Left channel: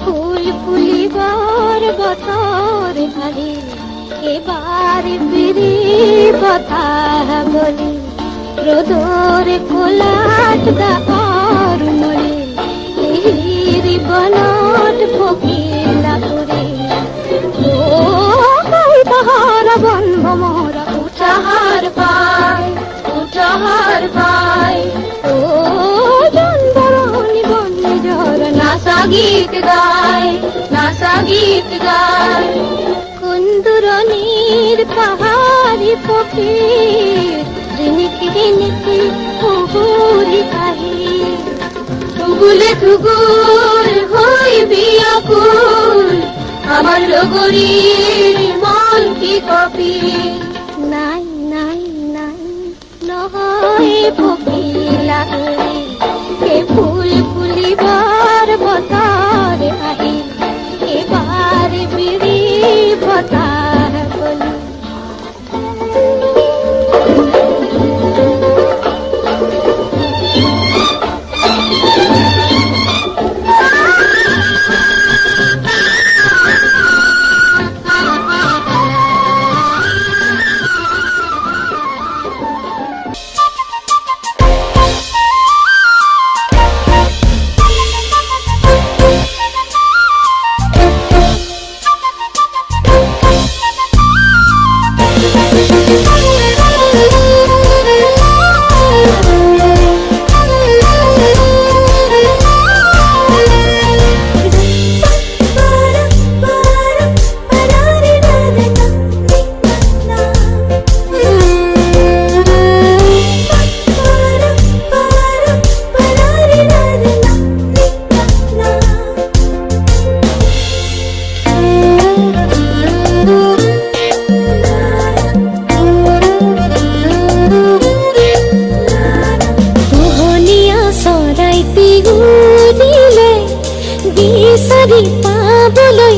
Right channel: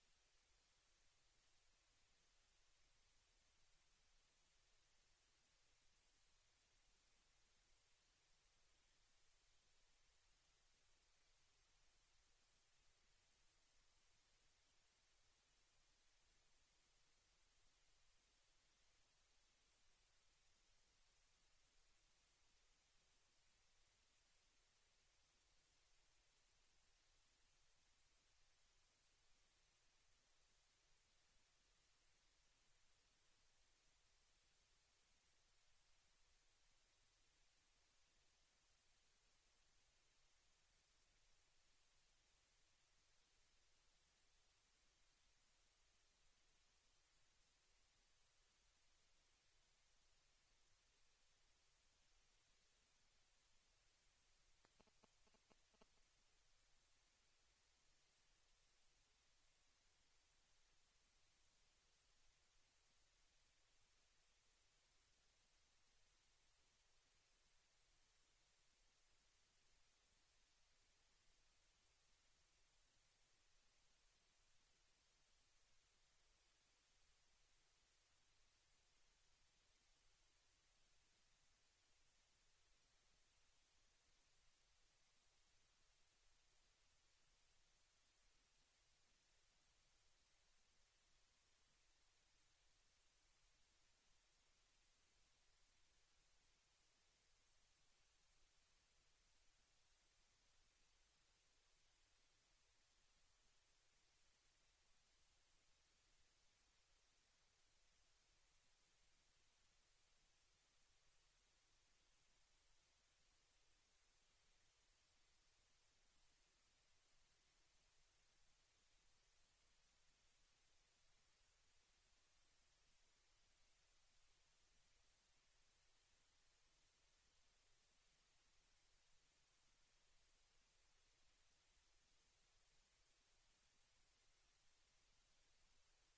ফুল ফুলিবার বতর ভারি এবার ফিরি কথা বলি রোদর কোলাট দার মরে হিরি বনট ফকিলা করে ও তাহার বন ভমরা উঠাহার পায় ও জনবরণী বন জর নাসা গীত গায় কুন্দুরনির পাহাড়ি ফকির রিনিকি রিনিকি হুহুরি কাহি টুগুলে টুগুল হই বিয়াকুল আমার লগরীর মন কি কপি নাই নাই নাই নহয় ফকিলা হরি এ ফুল ফুলিবার বতার আহি এবার বিড়ি বতার বলি বিচাৰি পাবলৈ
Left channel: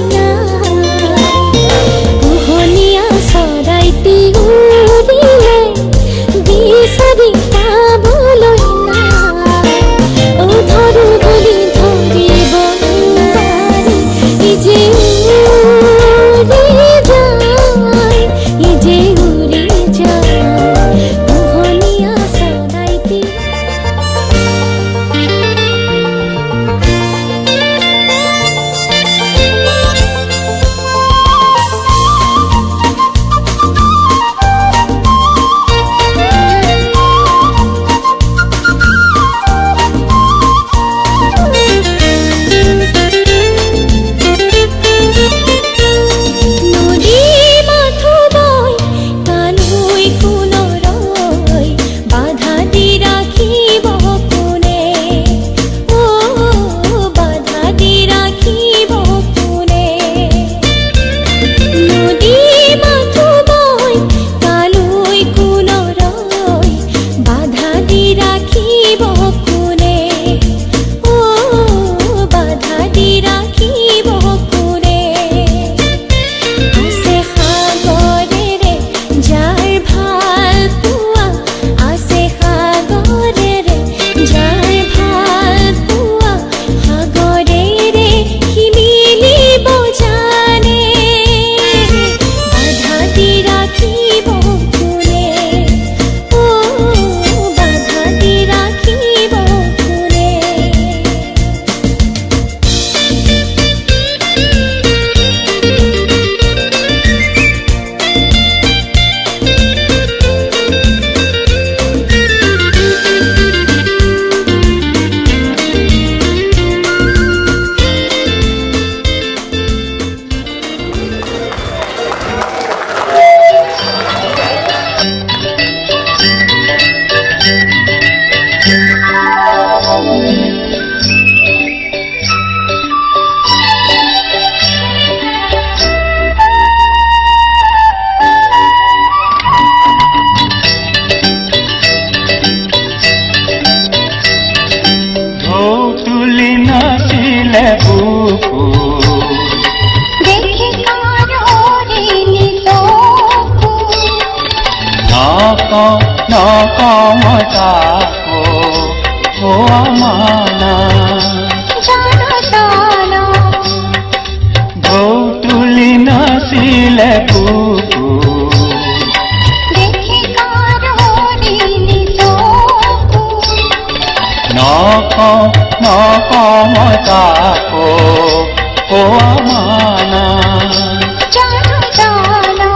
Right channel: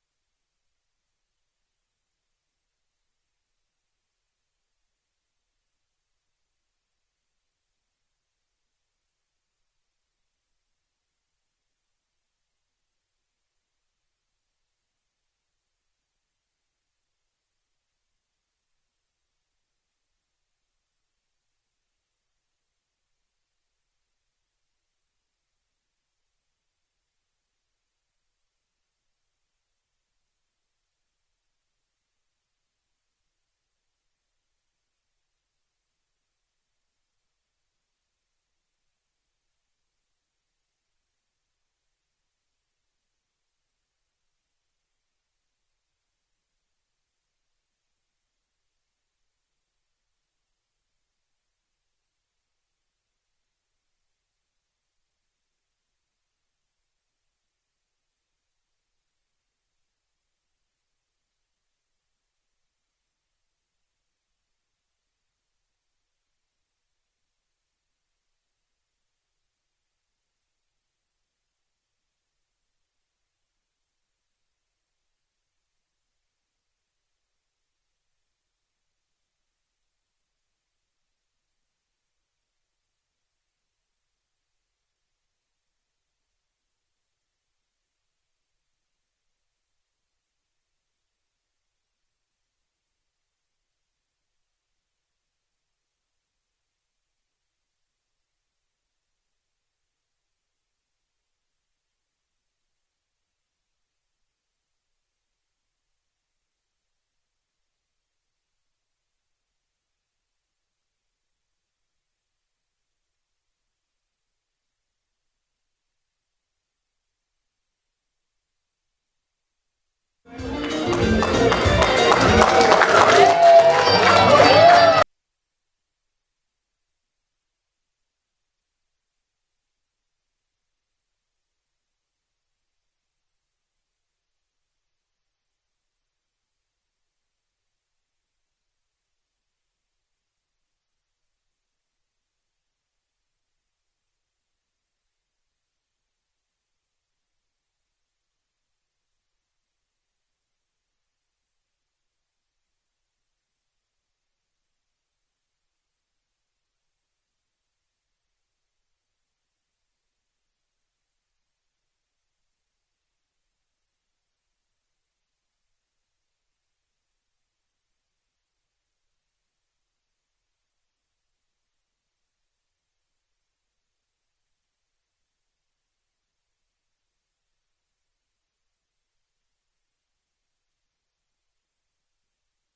পোহনীয়া চৰাইটি উৰিলে বিচাৰি পাবলৈ ও ধৰো বুলি ধৰিব নোৱাৰি ইজে উৰি যায় পোহনীয়া চৰাইটি নাছিলে বুকু দেখি কারণে তোকু নক মতাকো ও আমানা জানো জানো ঢৌ তুলি নাছিলে বুকু দেখি কারণে তোকু নক মতাকো ও আমানা জানো জানো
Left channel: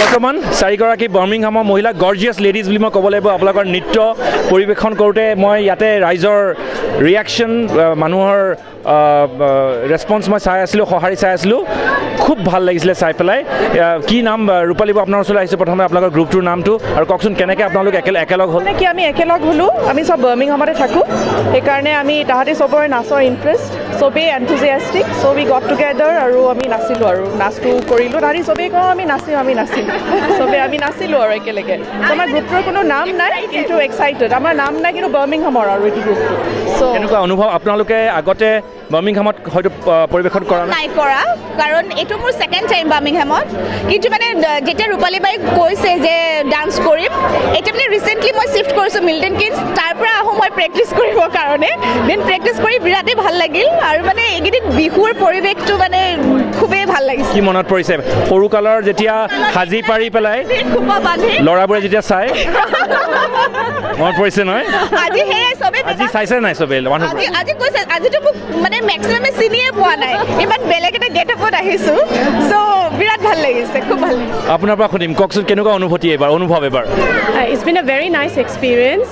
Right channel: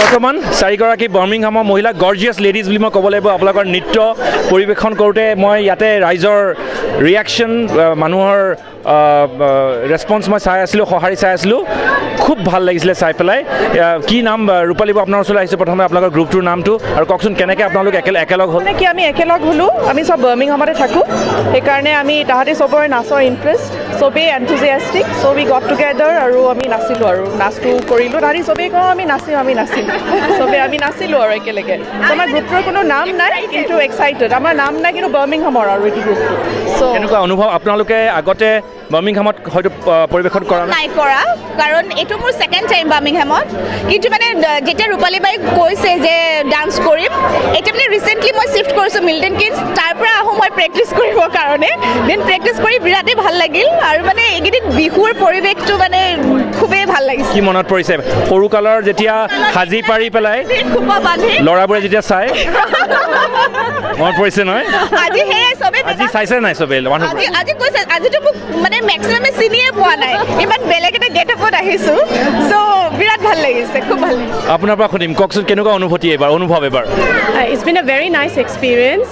বৰ্তমান চাৰিগৰাকী বাৰ্মিংহামৰ মহিলা গৰ্জিয়াছ লেডিজ বুলি মই ক'ব লাগিব আপোনালোকৰ নৃত্য পৰিৱেশন কৰোঁতে মই ইয়াতে ৰাইজৰ ৰিয়েকশ্যন মানুহৰ ৰেছপন্স মই চাই আছিলোঁ সঁহাৰি চাই আছিলোঁ খুব ভাল লাগিছিলে চাই পেলাই কি নাম ৰূপালী আপোনাৰ ওচৰলৈ আহিছোঁ প্ৰথমে আপোনালোকৰ গ্ৰুপটোৰ নামটো আৰু কওকচোন কেনেকৈ আপোনালোক একেলগ হ'ল কি আমি একেলগ হ'লোঁ আমি চব বাৰ্মিংহামতে থাকোঁ সেইকাৰণে আমি তাহাঁতি চবৰে নাচৰ ইণ্টাৰেষ্ট চবেই এনথুজিয়াষ্টিক চ' উই গট টুগেডাৰ আৰু আমি নাচিলোঁ আৰু নাচটো কৰিলোঁ তাহাঁতি চবেই কওঁ আমি নাচিলোঁ চবেই আমি নাচিলোঁ আৰু একেলগে চ' আমাৰ গ্ৰুপটোৰ কোনো নাম নাই কিন্তু এক্সাইটেড আমাৰ নাম নাই কিন্তু বাৰ্মিংহামৰ আৰু এইটো গ্ৰুপটো চ' কেনেকুৱা অনুভৱ আপোনালোকে আগতে বাৰ্মিংহামত হয়তো পৰিৱেশন কৰা নাই কৰা কাৰণ এইটো মোৰ ছেকেণ্ড টাইম বাৰ্মিংহামত কিন্তু মানে যেতিয়া ৰূপালী বাই কৈছে যে ডান্স কৰিম এতিয়া মানে ৰিচেণ্টলি মই শ্বিফ্ট কৰিছোঁ মিল্টন কিনছ তাৰ পৰা আহোঁ মই প্ৰেক্টিছ কৰিবৰ কাৰণে দেন প্ৰেক্টিছ কৰি বিৰাটেই ভাল লাগিল আৰু মানে এইকেইদিন বিহুৰ পৰিৱেশটো মানে খুবেই ভাল লাগিছে কি মনত পৰিছে সৰুকালৰ যেতিয়া সাজি পাৰি পেলাই খোপা বান্ধি ল'ৰাবোৰে যেতিয়া চাই মনত পৰিছে নহয় আজি সেয়াই চবেই আজি চাইছে নাই চবেই মানুহবোৰে আজি কৈছে আজিতো মোক মানে মেক্সিমামে চিনিয়ে পোৱা নাই ইমান বেলেগ এটা গেটআপত আহিছোঁ চ' বিৰাট ভাল লাগিছে খুব ভাল লাগিছে আপোনাৰ পৰা সুধিম কওকচোন কেনেকুৱা অনুভূতি অনুভৱ এবাৰ It's been a very nice experience.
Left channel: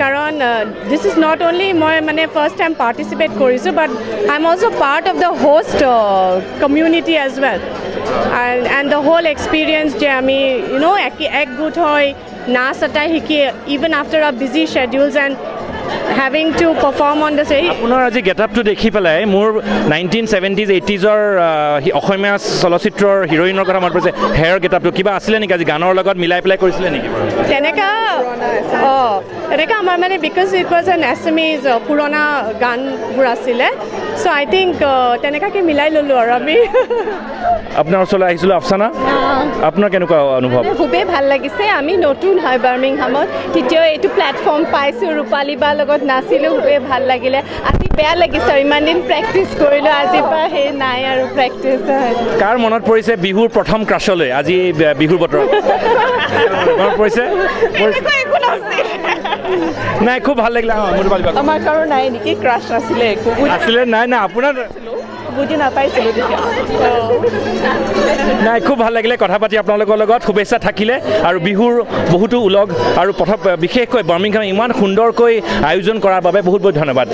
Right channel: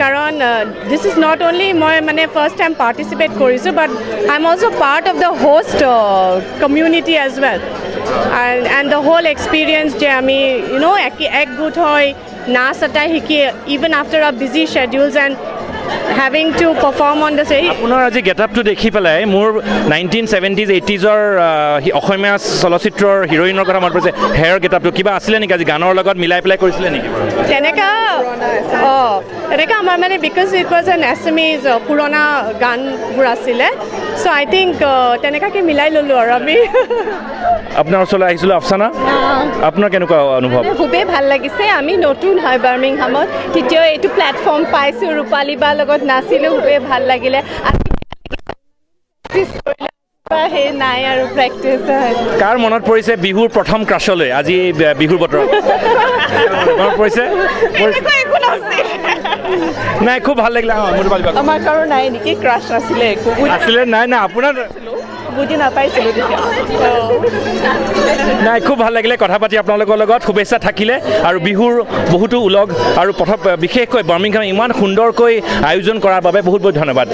Karan, this is not only my first time participate korisu, but I'm also part of the host community as well. And the whole experience, je ami ek good hoy na satai hiki even after our busy schedules and having to perform on the stage. আপোনাৰ আজি গেটআপটো দেখি পেলাই মোৰ 1970s 80sৰ অসমীয়া চলচ্চিত্ৰৰ হিৰোইনৰ কথা মনত পৰিছে hair গেটআপটো কিবা আছিলে নেকি আজি গানৰ লগত মিলাই পেলাই কৰিছিলে নেকি তেনেকা আমাৰ মানে বিকজ ইট ৱাজ এন এছএমিজ পুৰণা গানবোৰ আছিলে চ' আই থিংক তেনেকাকৈ মিলাই ল'লোঁ আৰু আমি আপোনাৰ ওচৰলৈ আহিছিলোঁ আফচানা আপোনাৰ কেনেকুৱা অনুভৱ খুবেই ভাল লাগিছে আমি নতুন হয় বাৰ্মিংহামত তেতিয়াও এইটো প্লেটফৰ্ম পাইছোঁ ৰূপালী বাৰ লগত নাচিলোঁ খুবেই ভাল লাগিলে আজি বেয়া লাগিছে আৰু ইমান দিন প্ৰেক্টিছ কৰিলোঁ আজিৰ পৰা সেই নাই আৰু প্ৰেক্টিছ হয় কাৰ মনত পৰিছে বিহুৰ প্ৰথম ক্ৰাছলৈ আজি বিহুৰ বতৰত মনত পৰিছে নাই খুব ভাল লাগিলে আমাৰ কাৰো নাই নেকি ক্ৰাছ নাছিলে একো আছিলে নাই আপোনাৰ বুজি নাপাইছিলোঁ তেতিয়া নাই খুব ভাল লাগিলে কথা পাতি আপোনালোকৰ লগত শুভেচ্ছা থাকিলে আৰু বিহুৰ বহুতো উলগ আৰু বিশেষকৈ বাৰ্মিংহাম ইমান সুন্দৰকৈ আয়োজন কৰাৰ বাবে বহুত বহুত ধন্যবাদ